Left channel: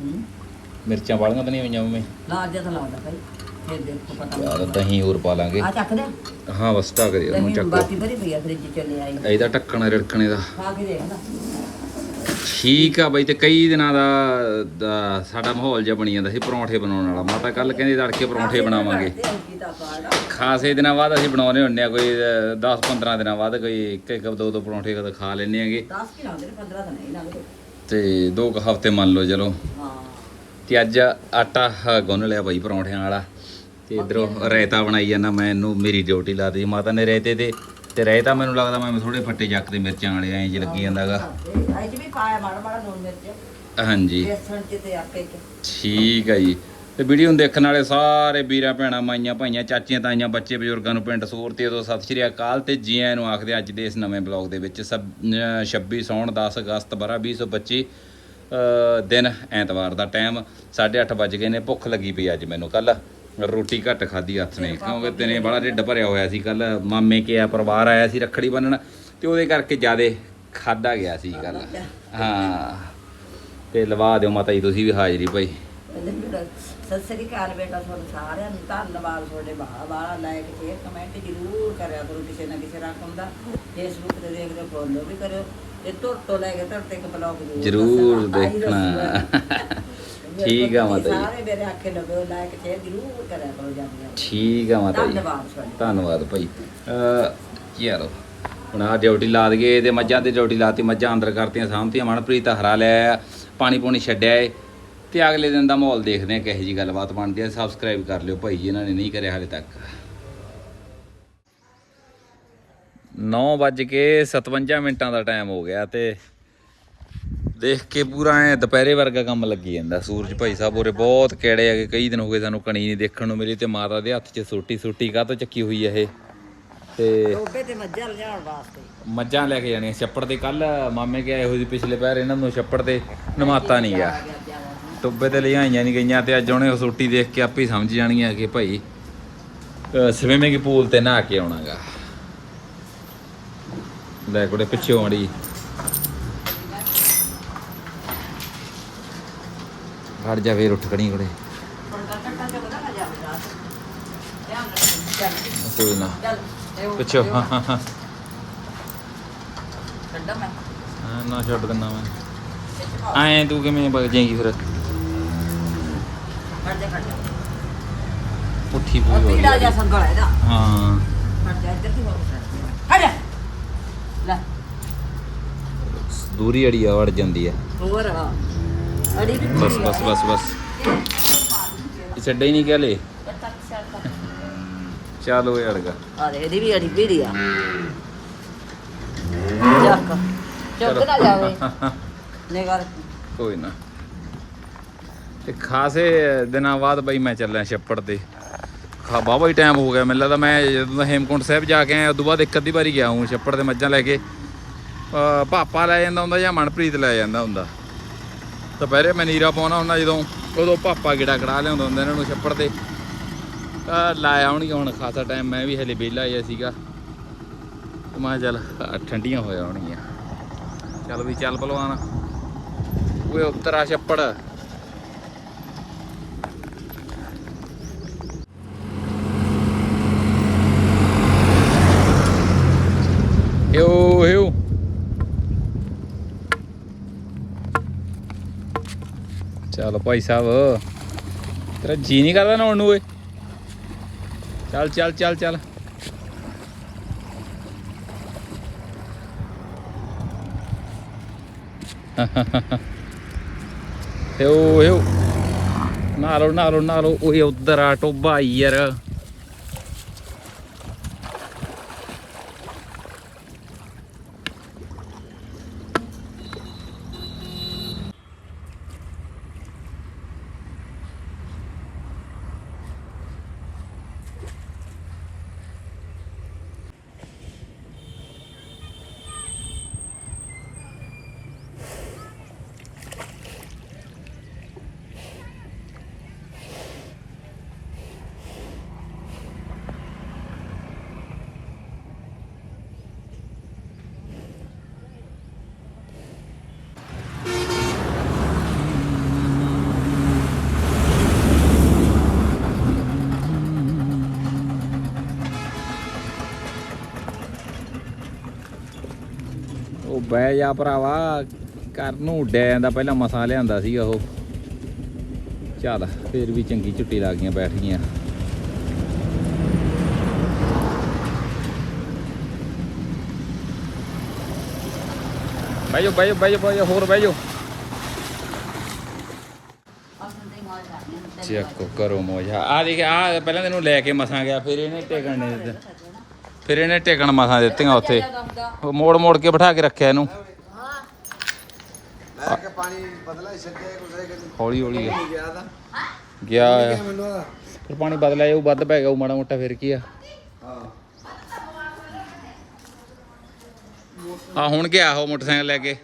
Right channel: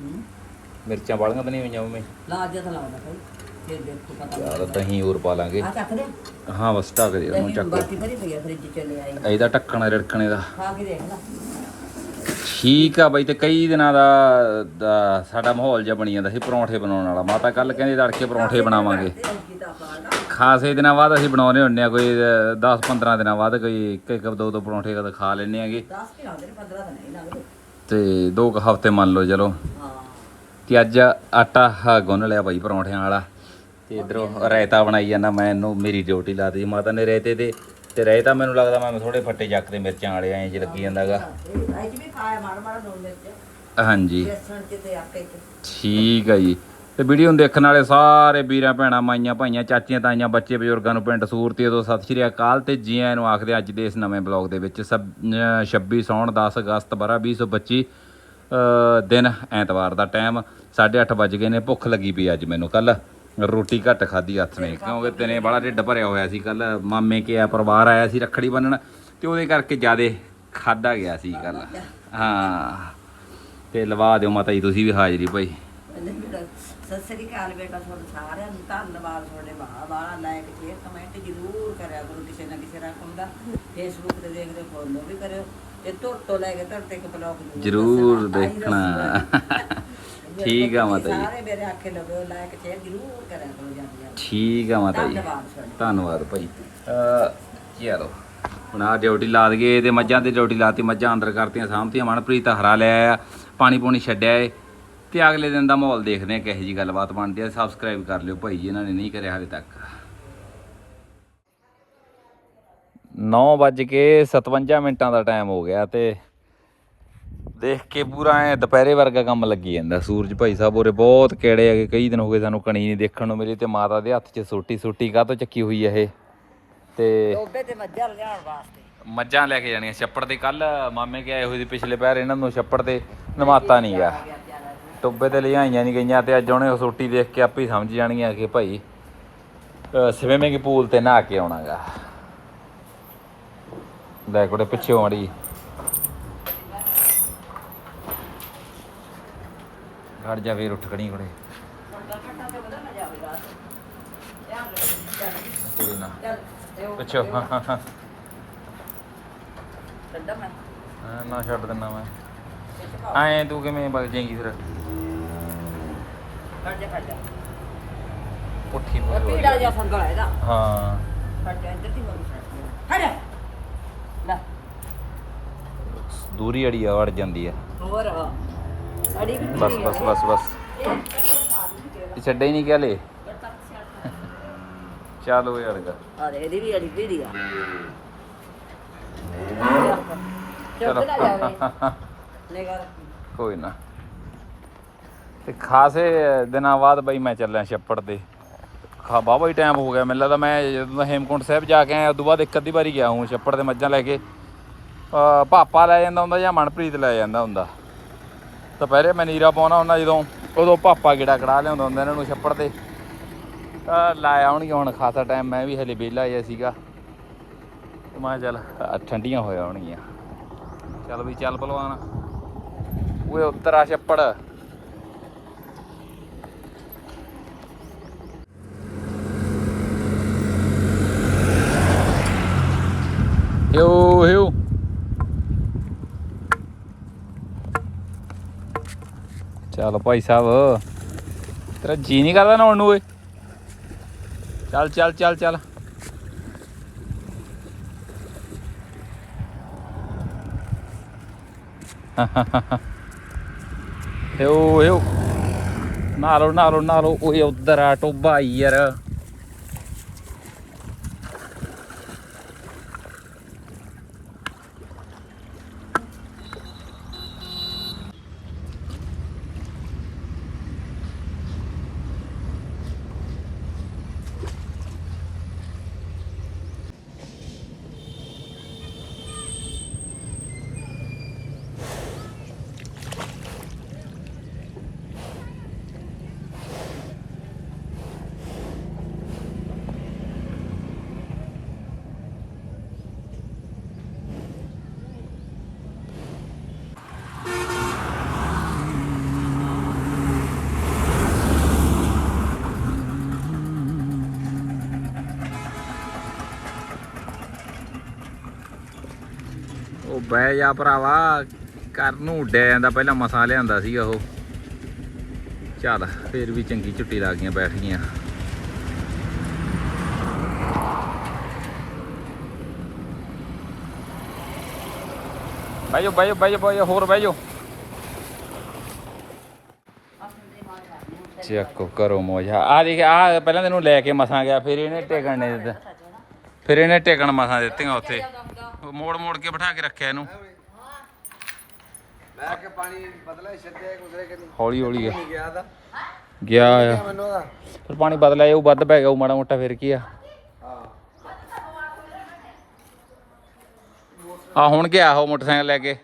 ਹੂੰ ਮਿਰਚਾਂ ਵਾਲੀਆਂ ਤਾਂ ਨਹੀਂ ਹੋਈਆਂ ਮੰਮੀ? ਲਾ ਅੱਜ ਤਾਂ ਲਾਉਂਦਾ ਭਾਈ ਫਿਰ ਦੇਖੋ ਪਤਾ ਯਾਰ ਦਹੀਂ ਹੋਰ ਪਾ ਲਾਂਗੇ। ਆ ਚੱਕ ਦੇ। ਹਾਂ ਬਸ ਢੱਕ ਦੇ ਉਹਨੂੰ ਦਹੀਂ ਚੱਕ। ਬਾਤੀ ਭਰੀ ਪਈ ਆ ਫ੍ਰਿਜ ਚ ਲੈ ਆਈ। ਇਹਦਾ ਢੱਕਣ ਰਿੜਕਣੇ ਦਾ। ਖਾ ਕੇ ਦੇਖ ਲੈ। ਠੀਕ ਆ ਬਾਈ ਤੇ ਕਈ ਦਿਨਾਂ ਦਾ ਦਾ ਸਾਡਾ ਮਾਹੌਲ ਜਿਹਾ ਬਣੀ ਜਾਂਦਾ ਸੀ ਪਰੌਂਠੇ ਬਣਾਉਣ ਵਾਲਾ। ਮਾਤਾ ਕੱਲ ਕਹਿੰਦੇ ਤੜਕੇ ਪਰੌਂਠੇ ਬਣਾਵਾਂਗੇ। ਕੀ ਤਾਂ ਖਾਸੇ ਦਿਨਾਂ ਬਾਅਦ ਅਸੀਂ ਬਣਾਉਣੇ ਹੁੰਨੇ ਆ ਕੋਈ 10-15 ਦਿਨਾਂ ਬਾਅਦ ਕੋਈ ਇੱਕ ਇੱਕ ਦੋ ਦੋ ਪਰੌਂਠੇ ਕਦੇ ਖਾ ਲੈਨੇ ਆਗੇ 10 ਕਿ ਲਾਉਂਦੇ ਨੇ 15 ਤਾਂ ਨਹੀਂ ਲੱਗਦੇ। ਤੇ ਦੋ ਕੁ ਹਫ਼ਤੇ ਮੰਨ ਲਓ ਚਲੋ ਤੇ ਅੱਜ ਆਟਾ ਹਾ ਗੁੰਨ ਲਿਆ ਬਾਈ ਪਰੌਂਠਿਆਂ ਵਾਲਾ ਤੇ ਇਧਰੋਂ ਰਾਇਤਾ ਬਣਾਈ ਜਾਂਦਾ ਮੈਂ ਇਹਨੂੰ ਮੇਰੀ ਡਿਊਟੀ ਲਾਤੀ ਮਾਤਾ ਨੇ ਰਾਇਤੇ ਤੇ ਤੇ ਰਾਇਤਾ ਮੈਨੂੰ ਲੱਗਦਾ ਮੈਂ ਥੋੜੇ ਫੱਟੇ ਚੱਕ ਤੇ ਮਿਰਚਾਂ ਵਾਲੇ ਐਂ ਜੇ ਲੱਗੀ ਜਾਂਦਾਗਾ। ਅੱਜ ਵੀ ਪਾਇਆ ਮਾੜਾ ਮਾੜਾ ਲੂਣ ਮਿਰਚ ਹਾਂਜੀ ਠੀਕ ਹੈ ਜੀ। ਤੇ ਵੀਡੀਓ ਨੂੰ ਦੇਖਣ ਵਾਲੇ ਸਾਰੇ ਵੀਰਾਂ ਭੈਣਾਂ ਮਾਈਆਂ ਭਾਈਆਂ ਚਾਚੀਆਂ ਤਾਈਆਂ ਬੱਚੇ ਬਜ਼ੁਰਗਾਂ ਨੂੰ ਪਿੰਡ ਸੂਰਤੀ ਤੋਂ ਸਤਿ ਸ਼੍ਰੀ ਅਕਾਲ ਤੇ ਜੀ ਆਇਆਂ ਨੂੰ ਆਖਦੇ ਅੱਜ ਦੇ ਇਸ ਨਵੇਂ ਬਲੌਗ ਦੇ ਵਿੱਚ ਸਭ- ਅਹ 26 ਸੌਣ 10 ਅਗਸਤ ਬਰਾ 2025 ਅਹ ਦਿਨ ਐਤਵਾਰ ਦਾ ਟਾਈਮ 8:30 ਵੱਜ ਗਏ ਨੇ ਭੁੱਖ ਲੱਗੀ ਪਈ ਅੱਜ ਮੈਨੂੰ ਕੱਲ ਰੋਟੀ ਘੱਟ ਖਾਧੀ ਹੱਥ ਨੇ ਕਿਉਂਕਿ ਦਿਨੇ ਬੜਾ ਢਿੱਡ ਭਰਿਆ ਹੋਇਆ ਸੀ ਕੱਲ ਮਾਮੇ ਕੇ ਆ ਪਰਿਵਾਰ ਆਇਆ ਸੀ ਰੱਖੜੀ ਬੰਨਣ ਤੇ ਉਹਦੇ ਕਰਕੇ ਜਿਆਦੇ ਖਾਦਾ ਗਿਆ ਸੀ ਕੱਲ ਹਾਂ। ਤੇ ਲਵਾ ਦਿਓ ਮਾਤਾ ਜੀ ਤੁਸੀਂ ਵੀ ਹਾਜ਼ਰੀ ਭਾਈ। ਪਹਿਲੇ ਮੇਰਾ ਸਤਿ ਸ੍ਰੀ ਅਕਾਲ ਬੇਟਾ ਤੁਹਾਨੂੰ ਸਾਰਿਆਂ ਨੂੰ ਧੰਨਵਾਦ ਤੁਹਾਡੇ ਵਾਲਾ ਲਾਇਕ ਸ਼ੇਅਰ ਕਮੈਂਟ ਜ਼ਰੂਰ ਕਰਿਆ ਕਰੋ ਕਿਸੇ ਨਾ ਕਿਸੇ ਰਕਮ ਦਾ ਫੇਸਬੁੱਕ ਤੇ ਦੇਖਦੇ ਫੋਲੋ ਵੀ ਕਰਿਓ ਤੇ ਤੁਰ ਤੋਂ ਲੈ ਕੇ ਧਰ ਤੱਕ ਬਲੌਗ ਜ਼ਰੂਰ ਦੇਖਣਾ। ਠੀਕ ਆ ਮਾਤਾ ਜੀ। ਸਾਰੇ ਮੇਰੇ ਆਖੇ ਲੱਗੋ ਲਾਇਕ ਸ਼ੇਅਰ ਜ਼ਰੂਰ ਕਰਿਆ ਕਰੋ ਜਾਂਦੇ ਠੀਕ ਆ ਮਾਤਾ ਜੀ। ਧੰਨਵਾਦ ਤੁਹਾਡਾ। ਧੰਨਵਾਦ ਭਾਈ। ਅ ਚਲੋ ਹੁਣ ਆ ਡਿਊਟੀ ਲਾ ਦਈਏ ਤੇ ਮੱਝਾਂ ਤੇ ਡਿਊਟੀ ਲਾਤੀ ਮੱਝਾਂ ਅੰਦਰ ਕਰਤੀਆਂ ਸਾਂਭਤੀਆਂ ਮਨਪ੍ਰੀਤ ਹਰਾ ਲਿਆ ਪਾਣੀ ਪੂਣੀ ਛੱਡਿਆ ਏ। ਤੇ ਅਗਲੇ ਦਿਨ ਦਾ ਮਾਹੌਲ ਦੇਖਦੇ ਆ ਕਿਹੋ ਜੀ ਗੱਲਬਾਤ ਬਣਦੀ ਹੈ। ਸਬਸਕ੍ਰਾਈਬ ਕਰ ਲਿਓ ਭਾਈ ਜੀ ਇਹਨਾਂ ਨੇ ਨਹੀਂ ਕਰਿਆ ਹਾਲੇ ਤੱਕ। 9 ਵੱਜ ਕੇ 57 ਮਿੰਟਾਂ ਦਾ ਟਾਈਮ ਹੋ ਗਿਆ ਤੇ ਦੇਖ ਕੇ ਪੂਰਾ ਐ ਦੁਪਹਿਰੇ ਵਰਗਾ ਕੰਮ ਲੱਗੀ ਜਾਂਦਾ। ਸੂਰਜ ਭਾਈ ਸਾਹਿਬ ਉਰੇ ਬਹੁਤ ਕਿਹੜੇ ਹੈਗੇ ਕਈ ਦਿਨ ਹੋ ਗਏ ਸਾਨੂੰ ਕਣੀ ਨਹੀਂ ਦੇਖਣ ਨੂੰ ਮਿਲੀ ਤੇ ਮਾਤਾ ਦੇ ਹੱਥ 'ਚ ਸੋਟੀ ਸੋਟੀ ਕਾਹ ਤੋਂ ਚੱਕੀ ਹੋਈ ਹੈ ਇਹ? ਤੇ ਟੋਬੇ ਤੇ ਮੱਝਾਂ ਲਿਆਉਣ ਵਾਸਤੇ। ਮੱਝਾਂ ਲੈ ਕੇ ਜਾਣੀਆਂ। ਛੱਪੜ ਤੇ ਕੱਲ ਮਾਮੇ ਕੇ ਆਏ ਹੋਏ ਸੀ ਪਿਛਲੇ ਪੈਰ ਇਹਨਾਂ ਨੂੰ ਛੱਪੜ ਤੇ ਨਮਾਤਾ ਨਹੀਂ ਗਿਆ। ਟੋਬੇ ਤੇ ਲਿਆਈਆਂ ਨਹੀਂ ਗਈਆਂ ਤੇ ਅੱਜ ਉਹਨੇ ਉਹ ਸੋਟੀ ਦੇਖ ਕੇ ਆਪੇ ਹੀ ਸਮਝ ਜਾਣਗੀਆਂ ਕਿ ਭਾਈ ਸਵਿਮਿੰਗ ਪੂਲ ਤੇ ਨਹਾ ਕੇ ਆਉਣਾਗਾ। ਲੈ ਕੋੜੇ ਪਿੱਛੇ ਮੜੀ ਘੜ ਜਾ ਫੇਰ ਉੱਠ ਖੜੀ ਕੋੜੇ। ਕੋਈ ਨਾ। ਪਿੱਛੇ। ਹਾਂ ਹਾਂ ਨਾ ਛੱਡ ਦਿੰਦਾ ਮੈਂ। ਐਂ ਤੂੰ ਕਿਵੇਂ ਵਗ ਜਾਏਗੀ ਫਿਰ? ਜਾ ਜਾ। ਉੱਠੀ ਪੂਰੀ ਹੋ ਤੀੜਾ ਜਾ ਗਈ ਸੰਗਲ ਇਹਦਾ। ਹਾਂ। ਫੜ ਜਾ ਇੱਧਰ ਦੀ ਹੋ ਫੜ ਜਾ। ਲੈ। ਦੂਰੀ ਅੜੀ ਆ ਵੜ ਜਾਂਦੀ ਆ। ਹੋਰ ਆ। ਅੜੀ ਵੀ ਬਸ ਬਸ ਬਸ ਬਸ। ਇਹ ਛੱਡੇ ਹੀ ਨਹੀਂ ਕਹਲੇ ਚਲੋ ਯਾਰ ਗਾ। ਆ ਦੇ ਇਹਦੀ ਵੀ ਅੜੀ ਪੀੜੀ ਆ। ਚੱਕ ਚਲੋ। ਚੱਕ। ਨਾ ਜਾਵੇ। ਨਿਗਰ ਕੋਈ ਨਾ। ਤੇ ਖਾਸੇ ਦਿਨਾਂ ਬਾਅਦ ਬਈ ਮੈਂ ਚੱਲਿਆ ਛੱਪੜ ਤੇ। ਖਾ ਬਾਬਾ ਹੀ ਟਾਈਮ ਹੋ ਗਿਆ। ਮੈਨੂੰ ਲੱਗਦਾ ਮੈਂ ਜਦੋਂ ਹੇਮਕੁੰਟ ਸਾਹਿਬ ਜਾ ਕੇ ਆਇਆ, ਉਦੋਂ ਬਾਅਦ ਇੱਕ ਅੱਧੀ ਵਾਰੀ ਗਿਆ ਹੂੰ ਛੱਪੜ ਤੇ ਮੱਝਾਂ ਲੈ ਕੇ। ਅਹ ਪਾਪਾ ਲੈ ਜਾਂਦਾ ਹੁੰਦਾ ਜਾਂ ਮਨਪ੍ਰੀਤ ਲੈ ਜਾਂਦਾ ਹੁੰਦਾ। ਦੁਪਹਿਰੇ ਮੈਂ ਨੀਰਾ ਪਾਉਣਾ ਹੁੰਦਾ ਜਦੋਂ, ਉਦੋਂ ਪਾਪਾ ਗੇੜਾ ਕੜਾ ਲਿਆਉਂਦਾ ਹੁੰਦਾ ਇਹਨਾਂ ਨੂੰ ਛੱਪੜ ਤੇ। ਲਾਇਆ ਆਉਣਗੇ ਹੁਣ, ਖਾਸਾ ਟਾਈਮ ਮੈਂ ਵੀ ਹਲੇ ਵਿਹਲਾ ਹੀ ਸੀਗਾ। ਤੇ ਮੈਂ ਚੱਲ ਠੰਡੀਆਂ ਹੋਇਆ ਹੋਣਗੀਆਂ ਚੱਲ ਵੀ ਚੱਲ ਭਲਵਾਨ। ਓਏ, ਉੱਤਰ ਆ ਛੱਪੜ। ਚੱਲ ਭਾਈ ਸਾਹਿਬ। ਤੇਰਾ ਜੀ ਨਹੀਂ ਕਰਦਾ ਨਹਾਉਣ ਨੂੰ ਓਏ। ਚੱਲ ਚੱਲ ਚੱਲ ਚੱਲ। ਯੋ ਯੋ ਨਾਲੋ ਨਾਲੋ ਨਾਲੋ, ਓਏ ਉਧਰ ਆ ਟੋਬਾ ਯਾਰ। ਬਹਿ ਜਾ ਭਰਾਵਾ ਕਰ ਨੂੰ ਉੱਡਿਆ ਜਾਂਦਾ ਪਹਿਲਾਂ ਮਸਾਂ ਲਿਆਂਦਾ ਸੀਗਾ ਉਹ। ਚੱਲ, ਫੇਰ ਵੀ ਚੰਗੀ ਝੁੱਟੀ ਲੱਗ ਗਈਆਂ, ਬੈਠ ਗਈਆਂ। ਬਾਈਓ ਬਾਈਓ ਬਾਈਓ ਬਾਈਓ ਹੋਰ ਬਾਈਓ ਚੱਕ, ਕਰੋ ਮੋਜਾ। ਆ ਦੇਖ, ਆ ਪਹਿਲਾਂ ਤੈਨੂੰ ਲੈ ਕੇ ਮਸਾਂ ਗਿਆ, ਫਿਰ ਇਹਨੇ ਟੇਕਣ ਨਹੀਂ ਦਿੱਤਾ। ਫਿਰ ਇਹਨੇ ਟੇਕਣ ਮਸਾਂ ਦਿੱਤੀਆਂ ਉੱਥੇ। ਉਹ ਮੋੜ ਮੋੜ ਕੇ ਬਿਠਾ ਕੇ ਰੱਖਿਆ ਇਹਨੂੰ। ਹੌਲੀ ਹੌਲੀ ਆ। ਗਿਆ ਦਾ ਗਿਆ ਕਿਆ ਆ। ਮੈਨੂੰ ਫਿਰ ਪਾਣੀ ਬਦਲਿਆ ਜਾਊ ਵੱਧ ਪੈ ਗਿਆ ਉਹ ਮਾੜਾ ਮੋਟਾ ਫਿਰ ਕੀ ਆ? ਹਾਂ। ਆ ਹੁਣ ਗਿਆ ਉਹ ਮੋਟਰਸਾਈਕਲ ਲੈ ਕੇ।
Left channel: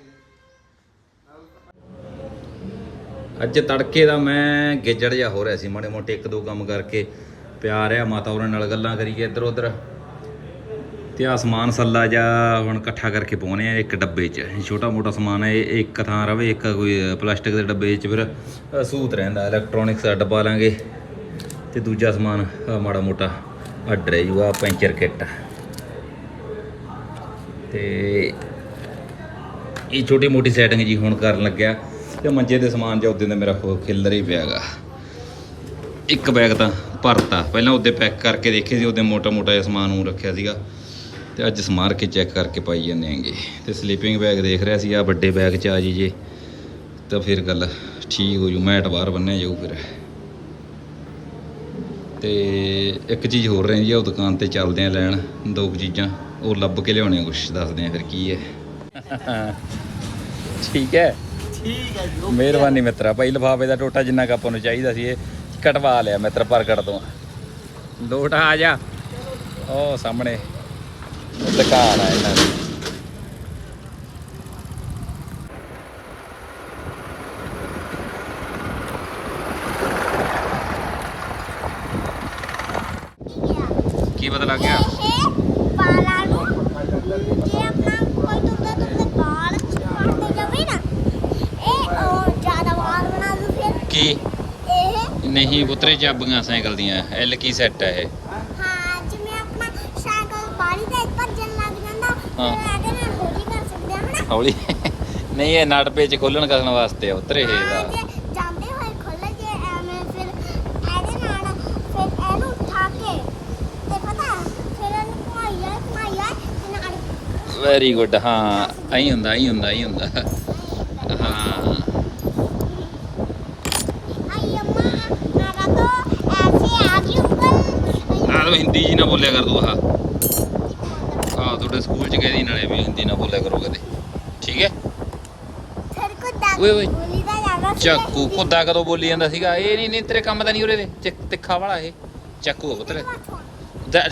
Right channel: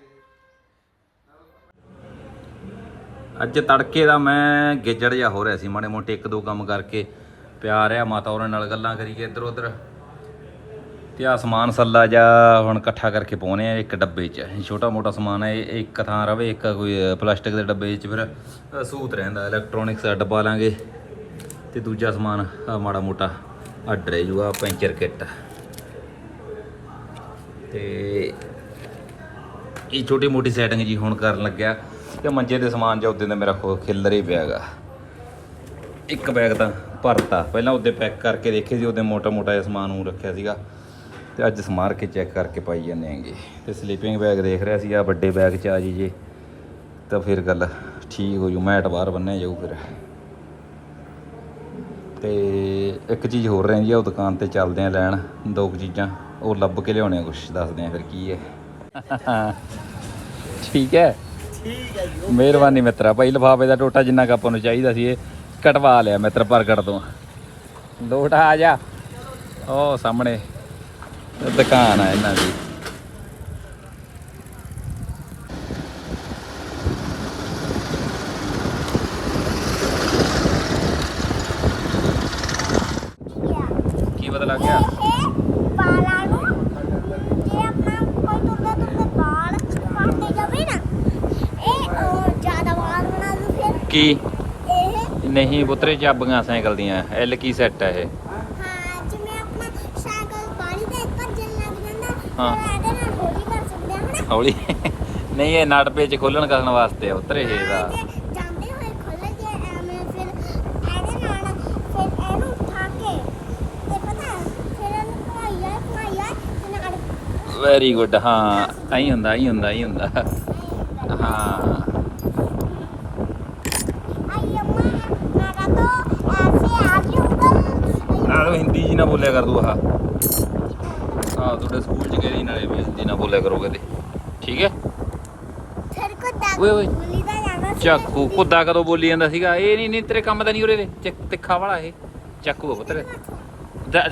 ਅੱਜ ਤੜਕੇ ਦਾ ਮੈਂ ਗੇਜੜ ਜਾ ਹੋ ਰਿਹਾ ਸੀ ਮਾੜੇ ਮੋਟੇ ਇੱਕ ਦੋ ਕੰਮ ਕਰਕੇ। ਪਿਆ ਰਿਹਾ ਮਾਤਾ ਉਹਨਾਂ ਨਾਲ ਗੱਲਾਂ ਕਰੀਏ ਇੱਧਰ ਉੱਧਰ ਤੇ ਆ ਸਮਾਨ ਸੱਲਾ ਜਾ ਹੁਣ ਇਕੱਠਾ ਕਰਕੇ ਪਾਉਣੇ ਆ ਇੱਕ ਡੱਬੇ 'ਚ। ਇਹ ਛੋਟਾ ਮੋਟਾ ਸਮਾਨ ਹੈ ਇਹ ਇੱਕ ਥਾਂ ਰਵੇ ਇੱਕ ਕੋਈ ਪਲਾਸਟਿਕ ਦੇ ਡੱਬੇ 'ਚ ਫਿਰ ਅ, ਸੂਤ ਰਹਿੰਦਾ ਇਲੈਕਟ੍ਰੋਨਿਕਸ ਦਾ ਡੱਬਾ ਲਾਂਗੇ। ਤੇ ਦੂਜਾ ਸਮਾਨ ਮਾੜਾ ਮੋਟਾ ਅੱਡ ਰਹਿ ਜੂਗਾ ਪੈਂਚਰ ਕਿੱਟ। ਤੇ ਇਹ ਛੋਟੀ ਮੋਟੀ ਸੈਟਿੰਗ ਜੀ ਹੁਣ ਕਰਨ ਲੱਗਿਆ। ਤੇ ਮੰਜੇ ਦੇ ਸਮਾਨ ਜਾਂ ਉਦੋਂ ਦਾ ਮੇਰਾ ਖਿੱਲਰ ਹੀ ਪਿਆਗਾ ਇੱਕ ਬੈਗ ਤਾਂ ਭਰਤਾ। ਪਹਿਲਾਂ ਉਹਦੇ ਪੈਕ ਕਰਕੇ ਦੇਖੇ ਸੀ ਉਹਦੇ ਮੋਟਾ ਮੋਟਾ ਜਿਹਾ ਸਮਾਨ ਨੂੰ ਰੱਖਿਆ ਸੀਗਾ। ਤੇ ਅੱਜ ਸਮਾਰ ਕੇ ਚੈੱਕ ਕਰਕੇ ਪਾਈ ਜਾਂਦੇ ਆਂਗੇ ਤੇ ਸਲੀਪਿੰਗ ਬੈਗ ਦੇਖ ਰਿਹਾ ਸੀ ਆ ਵੱਡੇ ਬੈਗ ਚ ਆ ਜੀ ਜੇ। ਤਾਂ ਫਿਰ ਗੱਲ ਠੀਕ ਹੋ ਜੂ ਮੈਟ ਬਾਹਰ ਬੰਨਿਆ ਜਾਊ ਫਿਰ। ਤੇ ਇੱਕ ਚੀਜ਼ ਹੋਰ ਰਹਿੰਦੀ ਆ ਉਹ ਦੁਕਾਨ ਤੇ ਚੱਲਦੇ ਆ ਲੈਣ ਦੋ ਕੁ ਚੀਜ਼ਾਂ। ਉਹ ਲੱਭ ਕੇ ਲਿਆਉਣੇ ਕੁਛ ਦੱਸਦੇ ਆ ਫਿਰ ਕੀ ਹੈ। ਠੀਕ ਹੈ। ਠੀਕ ਹੈ ਜੀ ਮਿਹਰਬਾਨੀ ਮਿੱਤਰਾ ਭਾਈ ਲਫਾਫੇ ਦਾ ਟੋਟਾ ਜਿੰਨਾ ਕੁ ਆਪਾਂ ਨੂੰ ਚਾਹੀਦਾ ਸੀ ਇਹ ਕਟਵਾ ਲਿਆ ਮਿੱਤਰ ਪ੍ਰਗਟ ਤੋਂ। ਲੋਟ ਆ ਜਾ। ਉਹ ਸਾਹਮਣੇ ਦੁਕਾਨ ਹੈ ਇਹਨਾਂ ਦੀ। ਕੀ ਪਤਾ ਲੱਗ ਗਿਆ ਵਾਲਾਂ ਨੂੰ ਜੇ ਆਪਣਾ ਕੋਈ ਦੁੱਧਾ ਦੁੱਧਾ ਵਾਲ ਕੱਟਦੇ ਜਾਵੇ ਨਾ ਇਹ ਉਹ ਜ਼ਿਆਦਾ ਵਾਲ ਬਣਾ ਦੂ ਫਿਰ ਕੀ? ਇਹ ਨਹੀਂ ਪੁੱਤਰੇ ਚਾਬੀਆਂ ਸਾਈਕਲ ਦੀਆਂ। ਐਲ ਕੀ ਸੈੱਟ ਹੈ ਇਹ? ਹਾਂ ਜਿਵੇਂ ਆਪਣਾ ਸਾਈਕਲ ਬਾਰੀ ਤੇ ਭੱਜਣ ਲੱਗ ਜਾਂਦਾ ਹਾਂ। ਇਹਦੇ ਨਾਲ ਹੌਲੀ ਕਰ ਸਕਦੇ ਹਾਂ ਹਨਾ? ਹੌਲੀ? ਨਹੀਂ ਇਹ ਨਟ ਪੇਚ ਖੋਲਣ ਕਰਨ ਵਾਸਤੇ ਆ ਉਤਰੇ ਇਹ ਹਾਂ, ਜੇ ਜਾਂਦੇ ਹੋਏ ਖੁੱਲ ਜੇ ਐਵੇਂ ਫਿਰ ਇਹਦੇ ਨਾਲ ਫਿਰ ਇਹਨੂੰ ਉਠਾ ਕੇ ਤੇ ਪਤਾ ਫਿਰ ਇਹਨੂੰ ਘੁਮਾਈ ਜਾਏ ਘੁਮਾਈ ਜਾਏ ਤੇ ਨਾਲ ਵੈਰੀ ਗੁੱਡ ਹਾਂ ਐਂ ਹੁੰਦਾ ਐਂ ਹੁੰਦਾ ਐਂ ਹੁੰਦਾ। ਹਾਂ। ਬੋਲਿਆ ਕਰ ਤੂੰ ਆਹ। ਆ ਤੁਹਾਡੇ ਸਕੂਲ ਚ ਕਹਿਦੀ ਨਾਲੇ ਵੀ ਹਿੰਦੀ ਨਾ ਬੋਲਿਆ ਕਰੋਗੇ ਤੇ। ਠੀਕ ਹੈ? ਸਰ ਕੋ ਦਾ ਓਏ ਓਏ। ਬੋਲੀ ਦਾ ਜਾਣਾ ਚਾਕੂ ਕੁੱਦਾ ਕਦੋਂ ਬੋਲੀ ਜਾਂਦਾ ਸੀਗਾ? ਇਹ ਨਹੀਂ ਨਹੀਂ ਤੇਰੇ ਕੰਮ ਦਾ ਨਹੀਂ ਉਰੇ ਦੇ ਤਿੱਖਾ ਵਾਲਾ ਇਹ। ਚਾਕੂ ਆ ਪੁੱਤਰ।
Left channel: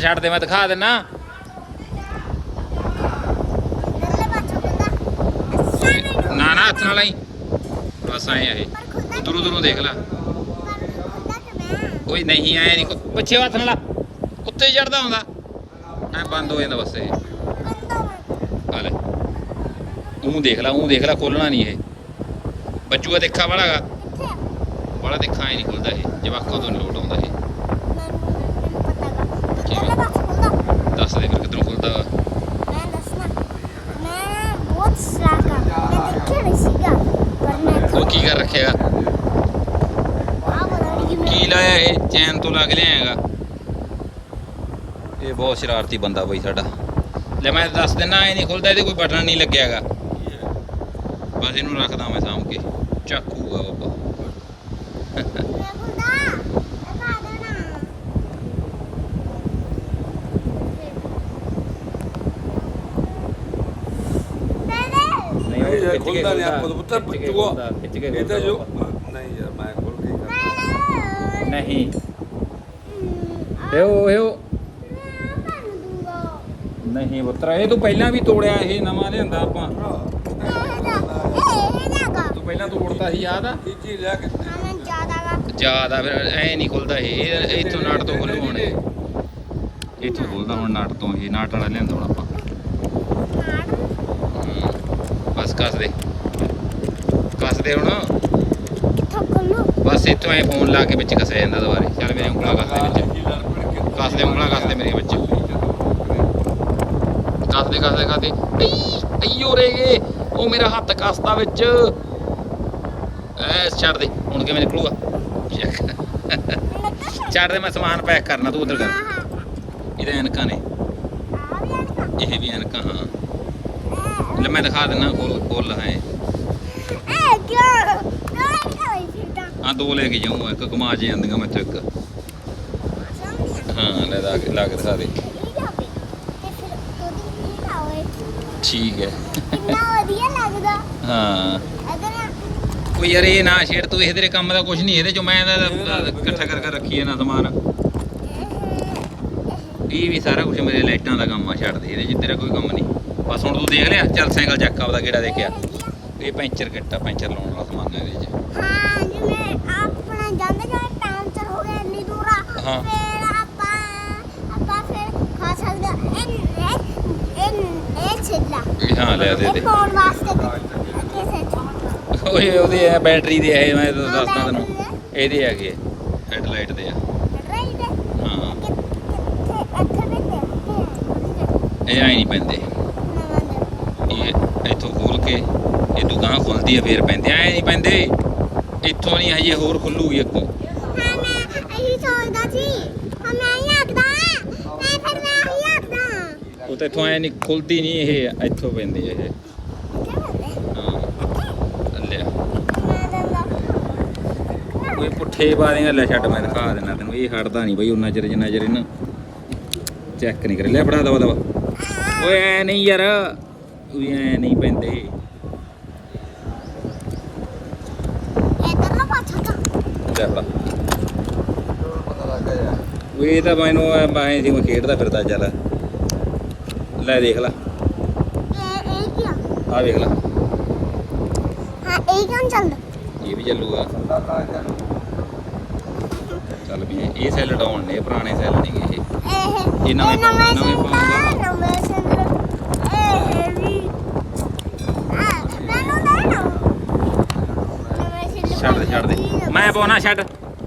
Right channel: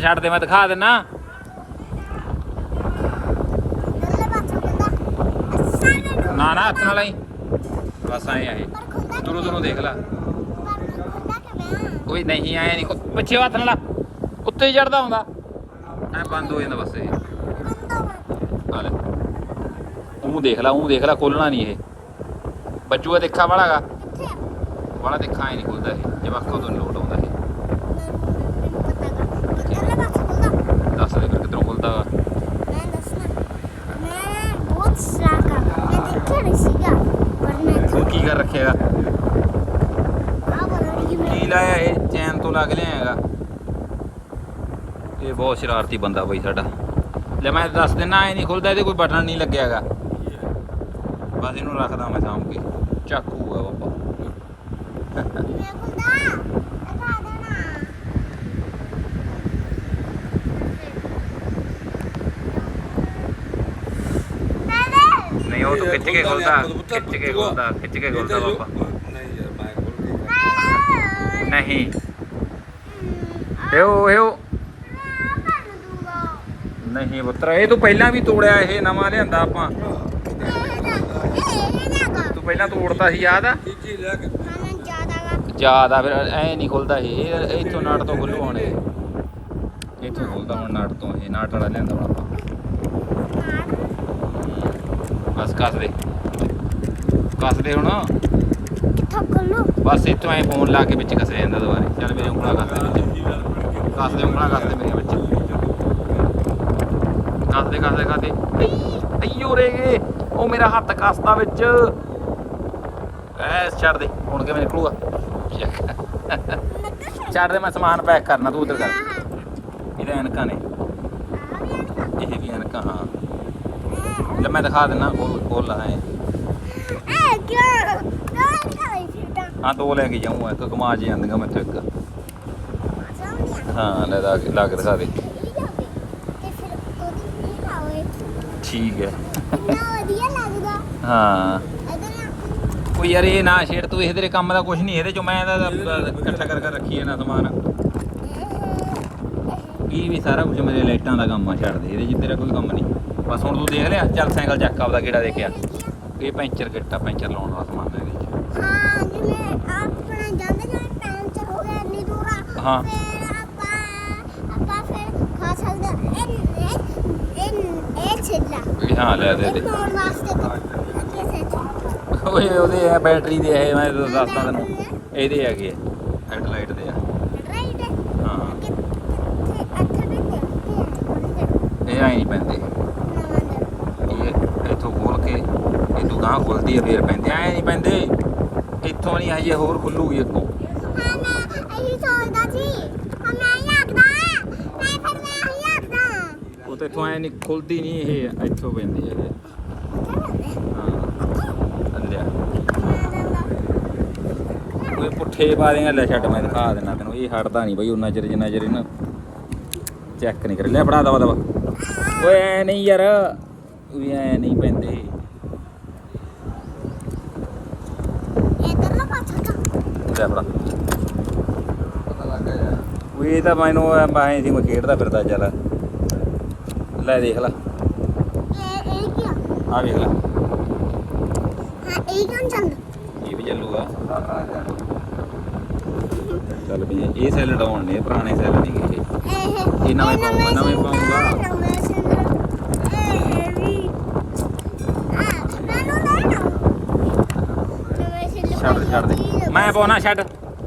ਛੱਡ ਦੇ ਮੈਂ ਦਿਖਾ ਦੇਣਾ ਨਾ ਨਾ ਹੱਥ ਨਾਲ ਹੀ ਬਸ ਆਏ ਆਏ ਦੂਰੋਂ ਦੂਰੋਂ ਦੇਖ ਲੈ। ਕੋਈ ਨਹੀਂ ਆਇਆ ਨਹੀਂ। ਬੱਚੇ ਹੱਥ ਨਾਲ ਉੱਤੇ ਹੀ ਚੜਦਾ ਹੁੰਦਾ। ਐ ਬੰਦ ਹੋ ਜਾਂਦਾ ਬਸ ਇਹ। ਆ ਲੈ ਉਹ ਦੇਖ ਲੈ ਉਹ ਦੇਖ ਲੈ ਖੋਲਣਾ ਨਹੀਂ ਇਹ। ਬੱਜੂਆ ਦੇਖਾ ਵਾਲਾਗਾ ਵਾਲਾ ਦੇਖਾ ਹੀ ਨਹੀਂ ਖੁੱਲਦਾ ਇਹ। ਜਵਾਕਾਂ ਤੋਂ ਲੋਟ ਆਉਂਦਾ ਇਹ। ਦੱਸ ਦੇ ਫਿਰ ਕਿੱਧਰੋਂ ਖੁੱਲਦਾ ਮੈਂ ਦੱਸਣਾ। ਮੈਂ ਬਹੁਤ ਸਲਾਕਾ ਮੈਂ ਦੇਖਿਆ ਨਹੀਂ ਸੀਗਾ ਪਰ ਮੈਂ ਉਹ ਕੀ ਕਰ ਰੱਖਿਆ? ਆ ਬਣਾ ਕੀ ਲਾਇਆ ਇਹ? ਚੈਨ ਤੋਂ ਲੱਗ ਲਿਆਗਾ ਇਹ ਬਹੁਤ ਸ਼ਰਾਰਤੀ ਬੰਦਾ ਬਈ ਸਾਡਾ। ਲੈ ਮੈਂ ਦੱਸ ਦਿੰਦਾ ਇਹ ਨਹੀਂ ਖੁੱਲਦਾ ਇਹਦੇ ਕੋਈ ਬਟਨ ਨਹੀਂ ਲੱਗਿਆਗਾ। ਬਸ ਇਹਨੂੰ ਰੱਖਦਾ ਮੈਂ ਸਾਂਭ ਕੇ। ਚਾਕੂ ਆ ਬਾਬਾ ਨਹੀਂ ਉਹ ਖਿੱਚ ਕੇ ਖੁੱਲਦਾ ਖਿੱਚ ਕੇ ਖੁੱਲਦਾ ਖਿੱਚ ਕੇ ਖੁੱਲਦਾ ਨਹੀਂ ਯਾਰ ਮੈਂ ਖੁੱਲ ਨਹੀਂ। ਨਹੀਂ ਇਹ ਉਹ ਨਹੀਂ ਪੁੱਤਰ, ਇਹ ਤੂੰ ਪਹਿਲਾਂ ਵੀ ਤੋੜਿਆ ਇਹ ਨਵਾਂ ਲਿਆਂਦਾ ਆਪਾਂ। ਤੂੰ ਪਹਿਲਾਂ ਤੋੜਦਾ ਸੀ, ਯਾਦ ਆ? ਇਹ ਲੈ ਕੇ ਯਾਦ ਫਿਰ, ਐ ਨਹੀਂ ਖੁੱਲਦਾ ਇਹ ਇੱਥੋਂ ਨਾਟ ਤੋਂ ਖੁੱਲੂ ਹੁਣ ਇੱਥੋਂ ਖੁੱਲਦਾ ਹੁਣ ਨਾਟ ਤੋਂ, ਇਹ ਨਾਟ ਵਾਲਾ ਲਿਆਂਦਾ ਹੁਣ ਆਪਾਂ। ਬਸ ਕੱਸ ਦੇ। ਕੱਸ ਦੇ ਹੁਣ। ਬਸ ਇੱਥੋਂ ਐ ਫੋਨ ਲਾ ਕੇ ਵਿੱਚ ਕੱਸਿਆ ਜਾਂਦਾ ਦੁਬਾਰੇ। ਚੱਲ ਮੇਰੇ ਉਂਗਲਾ ਕੱਸ ਦੇ ਵਿੱਚ। ਕੱਸ ਦੇ, ਉਂਗਲਾਂ ਕੱਸ ਦੇ ਮੇਰੀਆਂ ਵਿੱਚ। ਕੱਸਦੇ ਕੱਸਦੇ ਕੱਸਦੇ ਅਈਓ ਰੇ ਗਏ ਉਹ ਮੇਰਾ ਹੱਥ ਕੱਸਦਾ ਵਿੱਚ। ਐ ਛੱਡ ਦੇ। ਹੁਣ ਕਿਵੇਂ ਨਿਕਲੂਗਾ? ਛੱਡ ਦੇ, ਮੈਂ ਸਮਾਨ ਪੈਕ ਕਰਨਾ, ਤੂੰ ਉਧਰ ਕਰ। ਇਹਦੇ ਐਨਕਾਂ ਨੇ। ਇਹ ਵੀ ਐਨਕਾਂ, ਹਾਂ। ਲੈ, ਮੈਂ ਦਿਖਾ ਦਿੰਨਾ ਖੋਲ ਖੋਲ ਲਾ ਹਾਂ, ਦੋ ਲੈ ਕੇ ਜਾਊਂਗਾ ਇੱਕ ਕਮਾ ਜੇ ਜਾਂਦੀਆਂ ਮੈਥੋਂ ਇੱਕ। ਹਾਂ, ਲੈ ਲਾ ਕੇ ਦਿਖਾ ਦੇ ਇਹ ਜਾਵੇ ਤੇ ਫਿਰ ਉਹਦੀ ਕੀ ਖਾਵੇ ਠੀਕ ਹੈ। ਕਿੰਨਾ ਵਧੀਆ ਲੱਗਦਾ। ਹਾਂ। ਅਗਰ ਉਹ ਯਾਰ ਇਹ ਨਾ ਛੇੜ ਤੂੰ ਇਸ ਕੰਮ ਦਾ ਕੁਝ ਨਹੀਂ ਇਹਦੇ ਚੋਂ ਮੈਂ ਇਹਦਾ ਇਕੱਠਾ ਕਰ ਕਰ ਰੱਖੀ ਹੈ ਨਾ ਸਮਾਨ। ਇਹ ਵੀ ਸਾਰਾ ਕੁਝ ਮੇਰੇ ਲਾਈਟਾਂ ਦਾ ਕੰਮ ਆ ਛੱਡ ਦੇ ਇਹਦੇ 'ਚ ਤੇਰਾ ਕੋਈ ਕੰਮ ਨਹੀਂ। ਬਸ ਹੁਣ ਤੂੰ ਦੇਖ ਲਿਆ ਚੱਲ ਸਾਈਕਲ ਚੱਕ ਆਪਦਾ ਕਿਹੜਾ ਦੇਖਿਆ। ਇਹ ਪੈਂਚਰ ਕਿੱਟਾ ਪੈਂਚਰ ਲਾਉਣ ਵਾਲਾ ਸਮਾਨ ਹੈ ਇਹਦੇ 'ਚ। ਹਾਂ ਜਿਵੇਂ ਆਪਣਾ ਜਾਂਦੇ ਜਾਂਦੇ ਚ ਹੋ ਗਿਆ ਇੰਨੀ ਦੂਰਾ ਹਾਂ। ਫਿਰ ਆਪਾਂ ਆਪਾਂ ਫਿਰ ਖਾ ਸਕਦੇ ਹਾਂ। ਇਹ ਇਹ ਛਿੱਲਾ। ਹਾਂ ਲੈ ਦੇ ਇਹ ਦੇ। ਪਾਉਣ ਵਾਸਤੇ ਅੱਗੇ ਸੇ ਓਏ ਉਹਦੇ ਆ ਬੈਟਰੀ ਦੇ ਇਹ ਮੈਂ ਹਾਂ, ਦੱਸਦਾ ਬੈਟਰੀ ਇਹਦੇ ਹੈਗੇ ਹੈਡਲਾਈਟ ਦੇ ਆ। ਰਾਈਟ ਹਾਂ? ਇੱਥੇ ਵੀ ਤੇ ਇਹ ਆਈ ਨਹੀਂ ਪੈਂਦੇ। ਇਹ ਇੱਥੋਂ ਖੋਲ ਕੇ ਇਹ ਦੁਕਾਨ ਖੁੱਲਦੀ ਹੈ ਫੇਰ ਪੈਂਦੇ। ਐ ਨਹੀਂ ਪੈਂਦੇ। ਇੱਥੋਂ ਨਹੀਂ ਹਜੇ ਹੋਰ ਖੁੱਲੂਗੀ ਅੱਗੋਂ ਹਾਂ ਮੈਂ ਇਹੀ ਸੋਚਦਾ ਸੀ ਹਾਂ ਮੈਂ ਹੀ ਆਖਦਾ ਮੈਂ ਫਿਰ ਮੈਂ ਹੀ ਆਖਦਾ ਉਹ ਤਾਂ ਇੱਥੋਂ ਐ ਨਹੀਂ ਖੁੱਲਦੀ ਨਹੀਂ ਇਹ ਇੱਥੋਂ ਪੈਂਦੀ ਇਹ। ਹਾਂ ਅੱਲਿਆ ਓਏ ਪੁੱਠੇ ਪਾ ਦੇਗਾ ਲੈ ਛੱਡ ਮੈਂ ਦਿਖਾ ਦੇਣਾ ਤੈਨੂੰ। ਇਹ ਹਟਦਾ ਨਹੀਂ ਬਈ ਉਹਨਾਂ ਚਿਰ ਜਿੰਨਾ ਚਿਰ ਇਹਨਾਂ ਚੈੱਕ ਨਹੀਂ ਕਰ। ਲਿਆ ਫੜਾ ਦਵਾ ਦਵਾ। ਓਏ ਐ ਨਹੀਂ ਯਾਰ ਵੀ ਐ ਨਹੀਂ ਪੈਂਦੇ। ਲੈ ਫੜਾ। ਪਤਾ ਲੱਗ ਗਿਆ ਉਹ ਇਹ ਤਾਂ ਮੈਨੂੰ ਐ ਸੀ ਮੈਂ ਖੇਡਦਾ ਫਿਰਦਾ ਚੱਲ। ਲੈ ਦੇਖ ਲੈ। ਇਹ ਇਹ ਕੀ ਆ ਆ ਵੇਖ ਲੈ। ਹਾਂ ਇਹ ਕਿਉਂ ਚੱਲਦਾ ਇਹ ਵੀ ਚੱਲੂਗਾ। ਚੱਲ ਵੀ ਇਹ ਸੈੱਲ ਡਾਉਣ ਨੇ ਪੁਰਾਣੇ ਸੈੱਲ ਨਹੀਂ ਇਹ ਇਹ। ਇਹ ਨਵੇਂ ਪਾਊਂਗਾ, ਨਵੇਂ ਪਾਊਂਗਾ। ਨਵੇਂ ਸਿੰਦਰ ਇਹ ਵੀ ਆ ਮੈਨੂੰ ਨਾ ਛੱਡ ਦੇ ਛੱਡ ਦੇ। ਮੈਂ ਪਾਉਣਾ ਛੱਡ।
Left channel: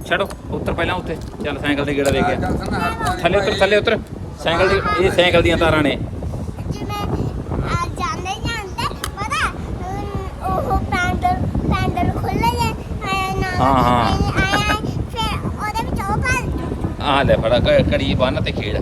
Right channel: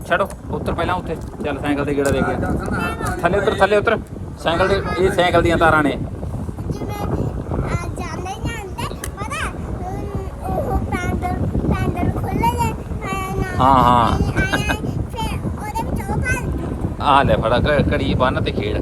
ਛੱਡੋ ਉੱਤਰ ਪਹਿਲਾਂ ਉੱਥੇ। ਚੱਲ ਸਾਈਕਲ ਦੇ ਗੇੜਾ ਦੇ ਗਿਆ ਥੱਲੇ ਉੱਤਰ ਥੱਲੇ ਉੱਤਰ। ਸਾਈਕਲ ਦੇ ਇਹ ਸਾਈਕਲ ਦੀਆਂ ਤਾਰਾਂ ਨੇ ਜਿਵੇਂ ਆ ਜਾਂਦੇ ਜਾਂਦੇ ਪਤਾ ਅਮ, ਉਹ ਪੈਂਡਲ ਪੈਂਡਲ ਖੁੱਲੇ ਜੇ ਆਇਆ ਨਾ ਹਾਂ, ਹਾਂ। ਆਹ ਲੈ ਫੜਾ ਘੜੀ ਕੜੀ ਬੰਨ ਤੇ ਖੇਡ